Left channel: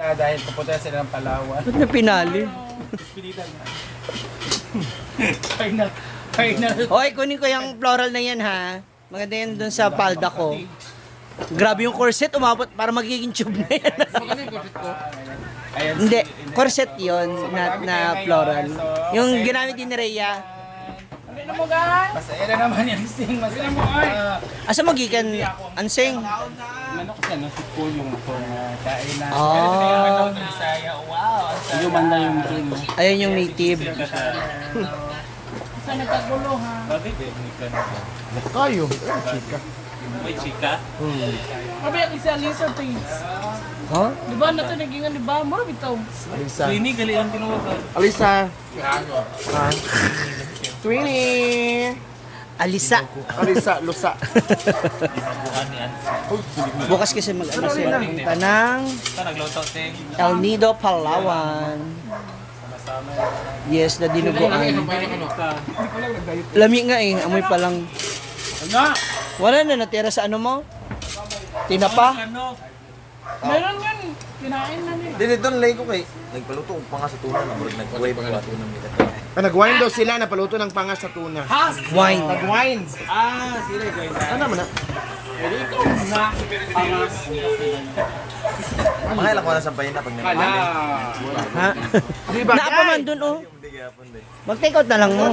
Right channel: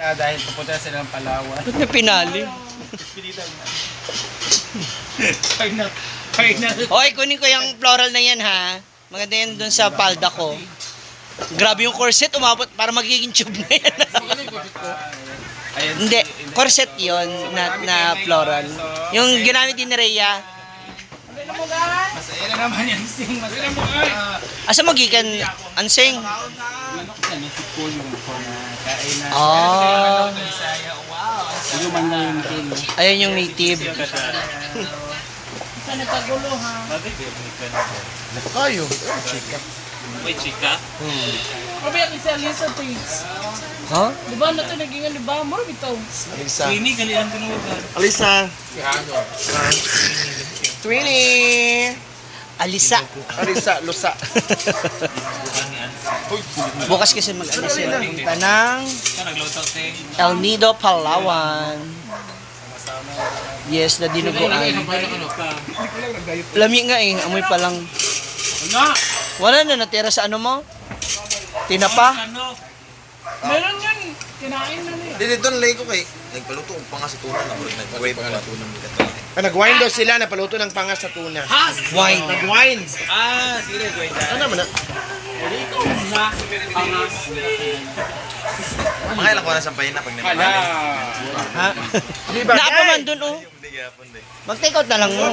Dahil pupunta sila ng Palawan. Ba't na pinali? Okay, kunin ko yung floral na yan ha. Maganda yan dun sa palda ko. Grabe yung corset, umabot para magiging tube na yan. Hindi, corset yon na floral. Yung ginamit din ni Rhea. Masaya na naman yung sing. Masaya mo ay. Asa magikan ansing? Ano ko yan? Si Paul yung kainan. Ah. Wow. Yung man lang yung king. Ayan yung native. Sa nagkagulo ha. Kayo, chika. May chika? Sabi ang isa Lisa Page. Ha? Di ba na ito naging di ba? More bitaw. Alisa. Ini galian ko naman. Alisa. Twinnie. Alisa. Alisa, lusa. Bukas kasi mag-ano sila. Punta ng Saan nagluto sing? El Nido, Palawan. Yes, na dinuguan. Lami nga eh, amoy pa lang. Ano? Wala na natira sa ano mo? Tinapa? Ano? Meron yun. Kinain na niya. Dili doon lay ko kay nagpaluto og panga sa tuna na murag nagway pa nga tuna nila. Nag-wine daw sila, napaluto ng panga sa tuna. Ha? Wine. Nag-wine. Ah, sige, wait. Ano man na? Mga ilang ko na sampayin na pag Wala. nanaman. Ha? Di ba? Naapa man dun oh. Hindi gyapon day. Mag-take out na lang mo.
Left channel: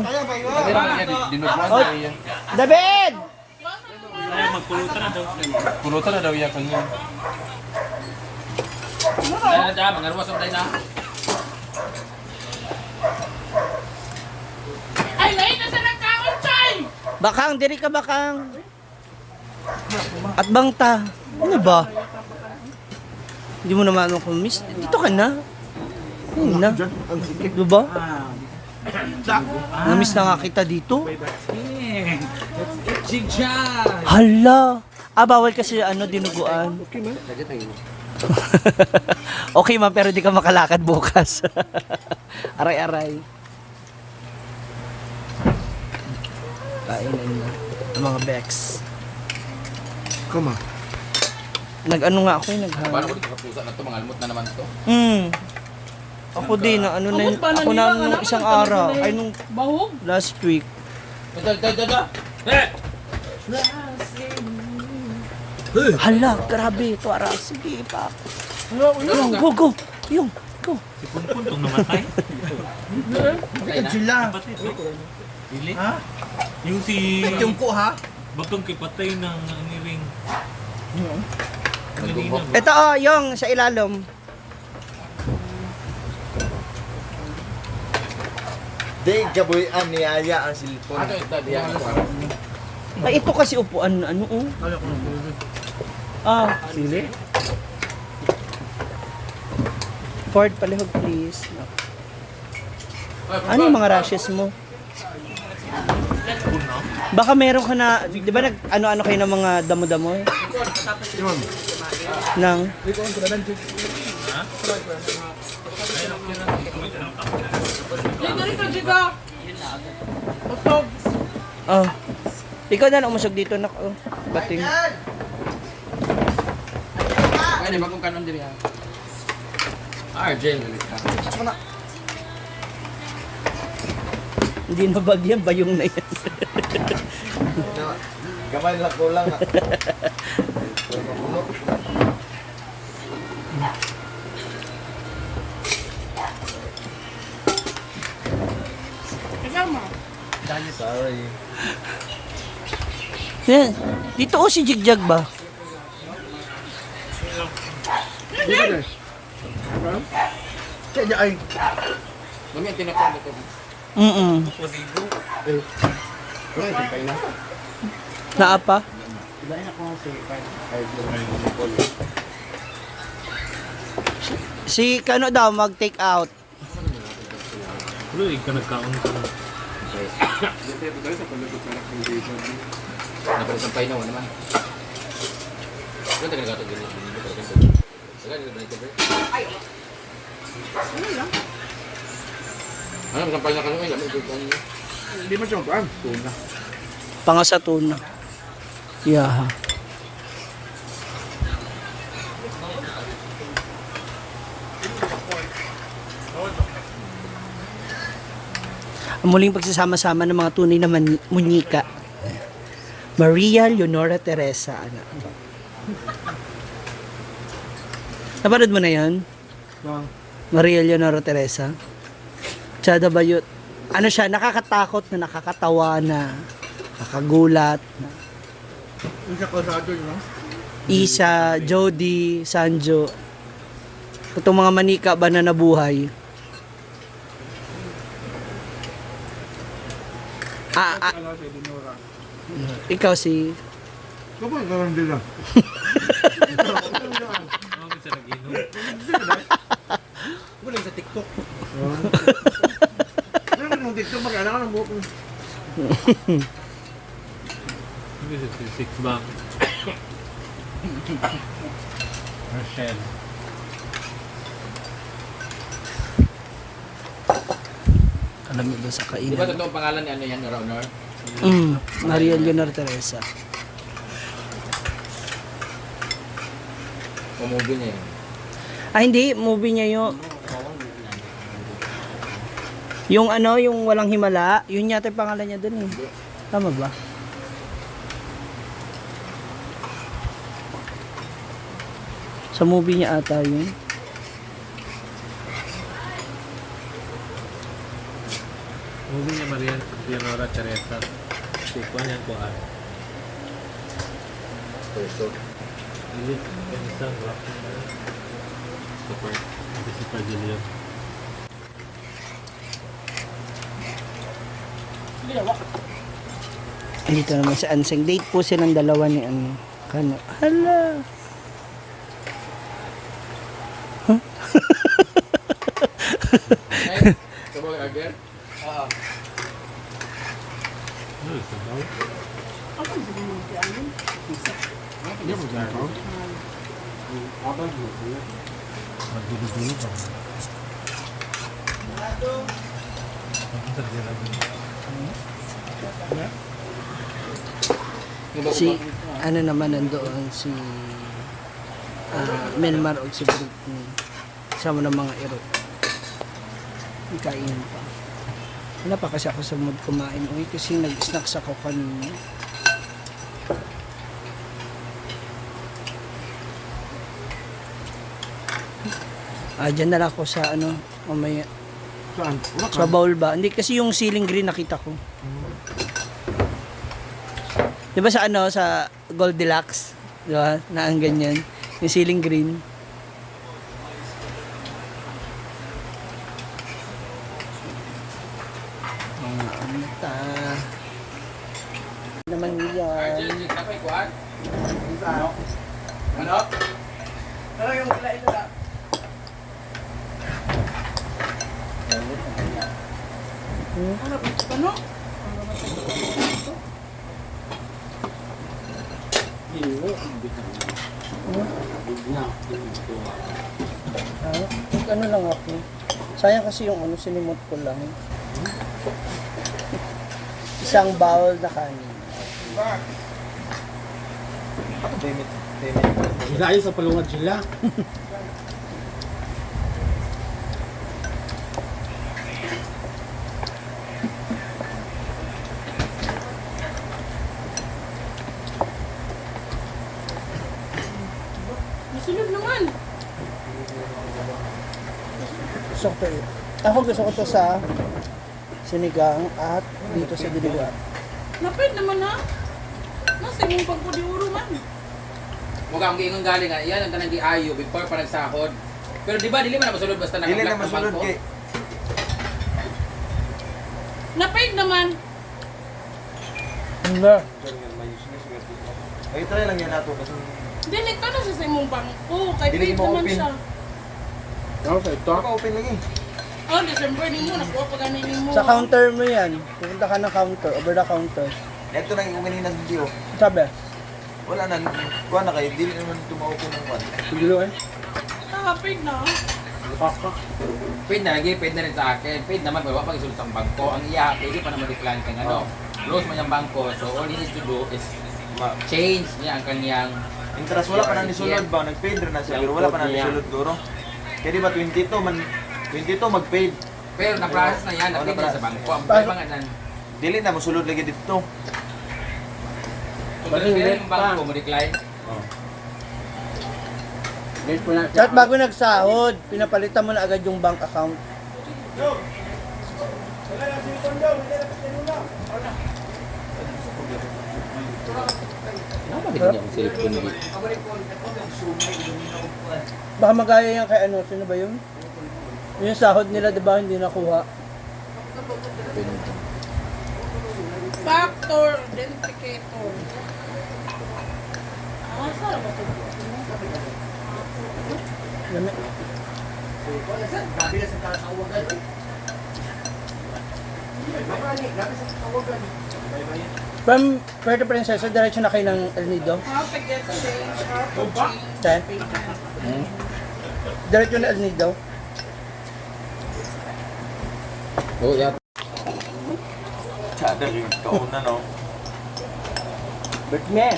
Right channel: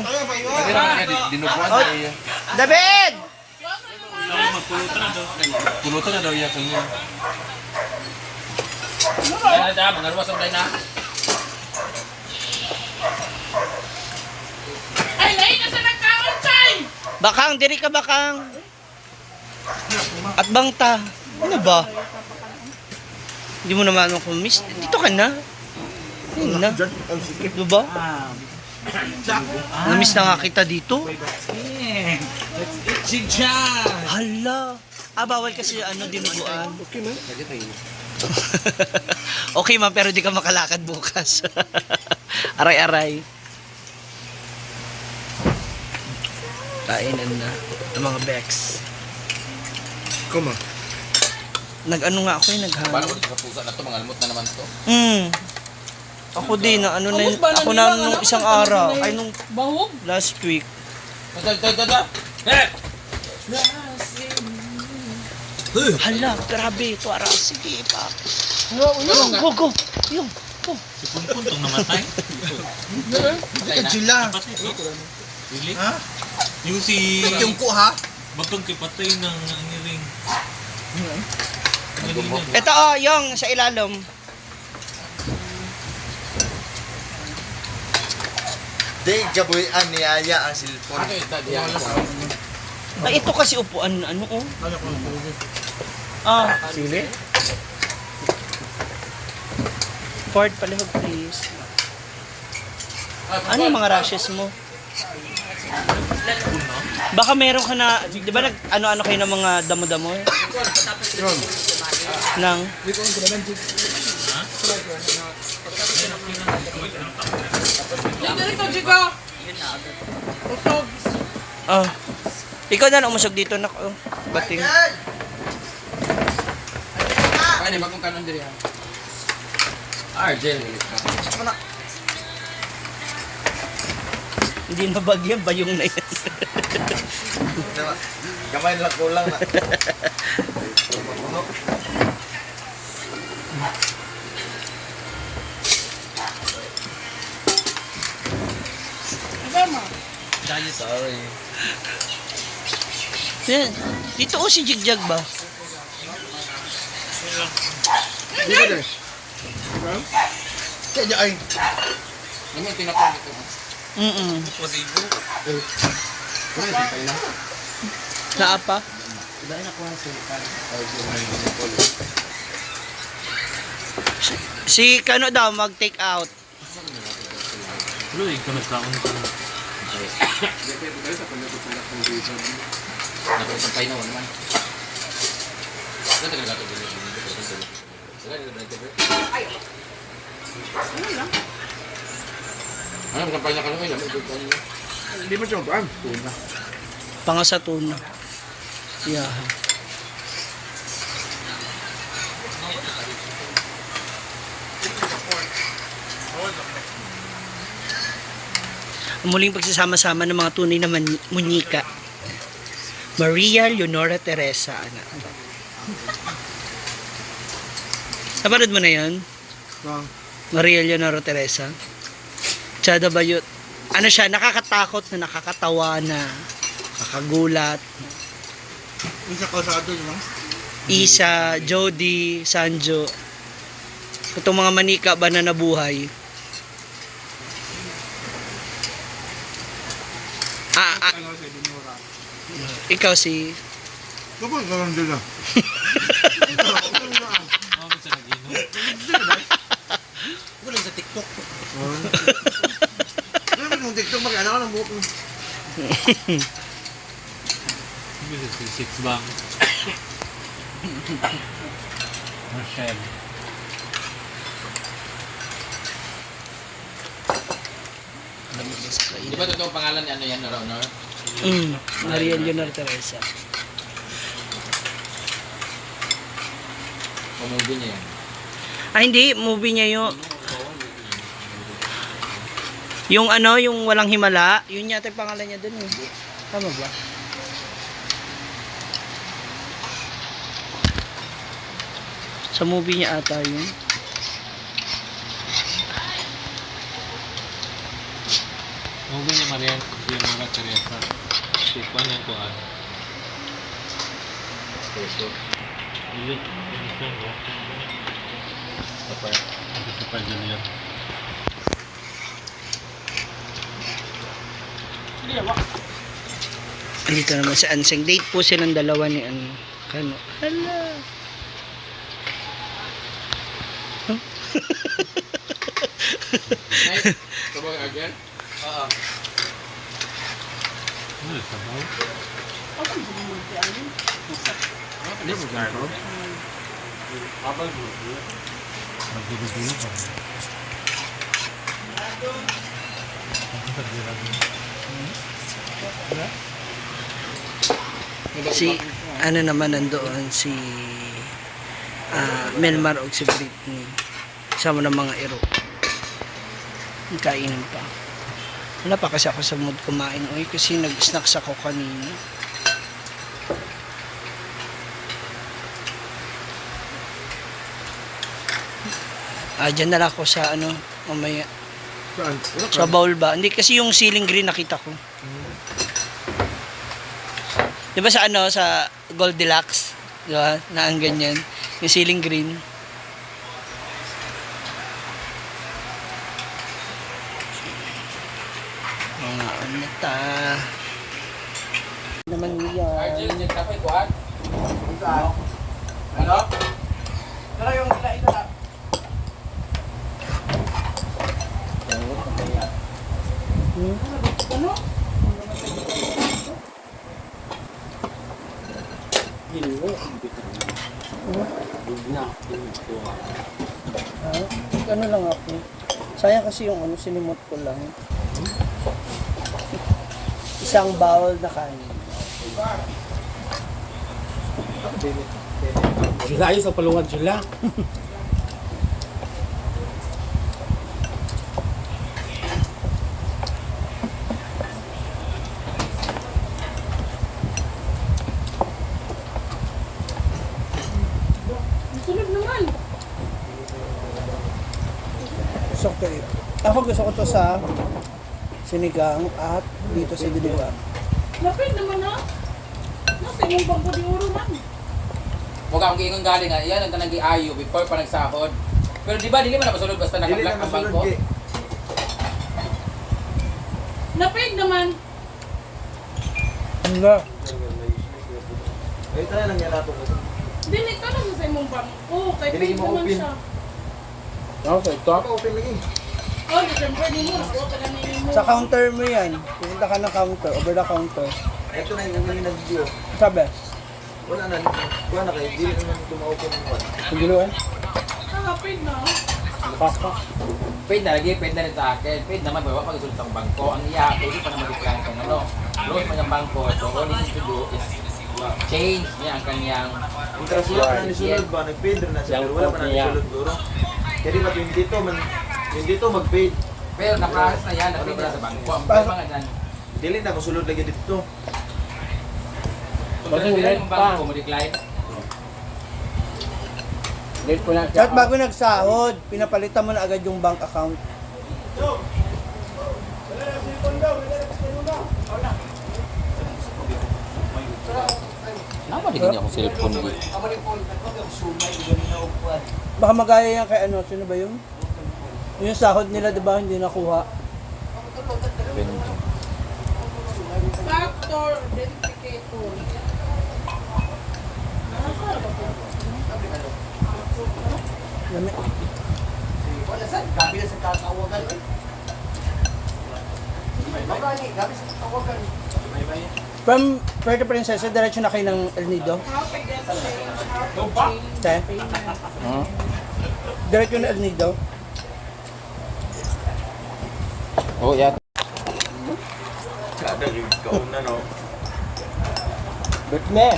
Dinubuan Oh, David! Ay, magpulutan na daw. Pulutan na daw yata yun. Ay, lain na sa nagkaon, Chay! Bakang, diri ka bakang. At bangta. Ano ba? Hindi mo naman ako miss. Dito ka na. Ayun na. Ano ba? Na-miss na nga kita dito. Jigjan! Hala. Bawal kasi ano, dinuguan. Okay man. Okay man, pero di ka makalakad bukas. Aray-aray. Kainan na. Ang mga Bex. Kuma. Nag-ano nga ako naghang. Kapusa na to mga limot na naman to. Ako din, na ano na, Ubus ba ako nila? na nung isang araw. Ay, nung Bahog. last week. Hala, grabe ito, ara. Sige pa. Yung, go. Yung, go. Si Punpun tong namatay. Sila. Really? Ha? Yung si... Yung ko ha. Bagong kipatay ng niring. Ito yung sa ilalom. Day gabuyan ni Aya ang silpon. Ay, ito kasi upuan, ano oh. Ah, Sili? Ford, palihog please. Ano yung mga rashes mo? Baka meron ka na, di ba nag ano-ano kayo ng mga damo-damo? Yun. Nang, Yan na rin ko, Jiga. Utog. oh. Ikaw na umusog dito na oh. Bating. Ano ba kung kanon diri ha? Hindi mabagyan ba yung na yan? Gamay lang kulang na. Kasama. Sorry. Yan. Dito oh si Jigjag ba? Kaya ay. Ano tinapon dito? Wala tayo na. Naapa? Si Kano daw mag-take out. Tuloy ka nagkaon ka. Napasampay na naman. Ganda ka gato dili. Ano sampay na kami lamay dito. Hindi mo siya ba? Tuna. Panga sa tuna. Yeah. Ang muling pagsasama-sama ng mga tunay na munyika. Maria Leonora Teresa. Ano? Napanood mo na yan? Maria Leonora Teresa. Tsada Bayot. Ano siya, nakakatakot na nakakatawa na nakakagulat. Isa ko sa atin, no? Isa, Jody, Sanjo. Itong mga manika ba na nabuhay? Ikaw si... Kapag karoon din lang. Wala sa TikTok. Ano ba yung TikTok? Mag-anak ka ng buhok mo. Six bang. Rochelle. Alam mo ba sa Di ba kainan? totoo pangalan ni ano yan, Ronor? Maria Leonora Teresa. Pumubi niya yan. Ah, hindi. Movie niya yung... Yung ano, yung walang himala. Yun yata yung pangalan niya dun eh. Tama ba? Sa movie niya ata yun. Movie ni Maria Leonora Teresa. Sikuan yan ko ah. Ilit. Isang ba? Sa pa Juliet. Dito naman sa Anseng. Date po silang dalawa ni ano. Kano? Hala. Ay, sabog agad? Oo. Ano sa baw? Abal mo. Magbibigo ka. Si ano naman nandoon si Melmar og si Britney. Sama ng mga ero. Kainin pa. Wala pa kasi ako sa mood kumain. Oy, kasi nag-snacks ako kanina. Dyan na lang ako sa ano, mamaya. Saan? Sa bowl ba? Hindi kasi yung ceiling green nakita ko. Di ba sa ano, sa Goldilocks? Di ba? Na ang ganyan. Yung ceiling green. Mga ano ta. Naman yan. Kapay kuhan? Ano? Pero yung ito na. Ano? Ano lang ako. Sayang kasi yung ano, sinimot ko lang. Isang bowl na kanin. Layo sa paluwad sila. Sunod naman. Gusto ko to eh. Ako gusto ko to sa sinigang at dito sa diliguan. Lapit naman ha. Nasa imong bangko di uro man. Mukhang ang giingon galing nga, yan ang tanang giayo before pa nagsahod. Pero di ba, dili man napasulod basta Dili na nakablock ng masulod bangko? kay. Lapit naman. Ano ba? Ay try lang yan nato kasi. Dili ka na sa imong bangko. Kay Dili paid mo naman open. siya. Ako sa ito. Baka open lagi. Oh, December ni mo. Nakuha ka na mo. Sa counter mo yan. Pupunta ka ng counter, over the counter. Ito na yung ganyan ng video. Sabi, Wala na. Kuha na kayo. Dili naman tumaopen ng pan. siguro eh. Paid na. Paid na lagi, paid na rin sa akin. Paid naman, bawa pag isulot ang bangko. Ang iya, pwede pa naman decline kang ano. Close man yung bangko. So all he needs to do is change niya ang kanyang Interest wala pa na nisulod ba? Nag-paid rin na siya. Pero wala pa na nisulod duro. Kaya di ba 22 man. 22 mag-paid. Pero na-process na yan, na-print na sa bangko. Ang problema nga yan. Dili na masulod lagi dito. Balik yung bangko mo, decline. At bago nagsahod, pinapalitan mo na agad yung bank account. Kenapa din ako cellphone dito? Baka magaya yan kay ano, sino ba yun? Yung sahod nila, di ba, hindi nakuha. Factor identificator. Lami. From Puerto Princesa, diretso na kayo ng El Nido. How to get change, how to change Okay. payment. Diretso na El Nido. Oh, yeah. Kada ikaw na no. Bet me.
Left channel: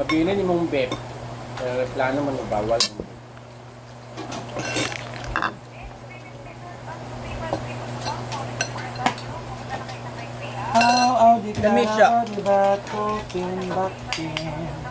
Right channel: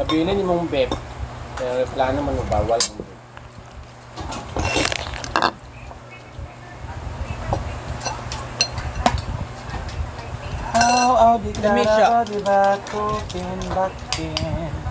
Mabinin yung mong bet. Kaya plano man bawal. Lami siya. Di ba ko pinbatin?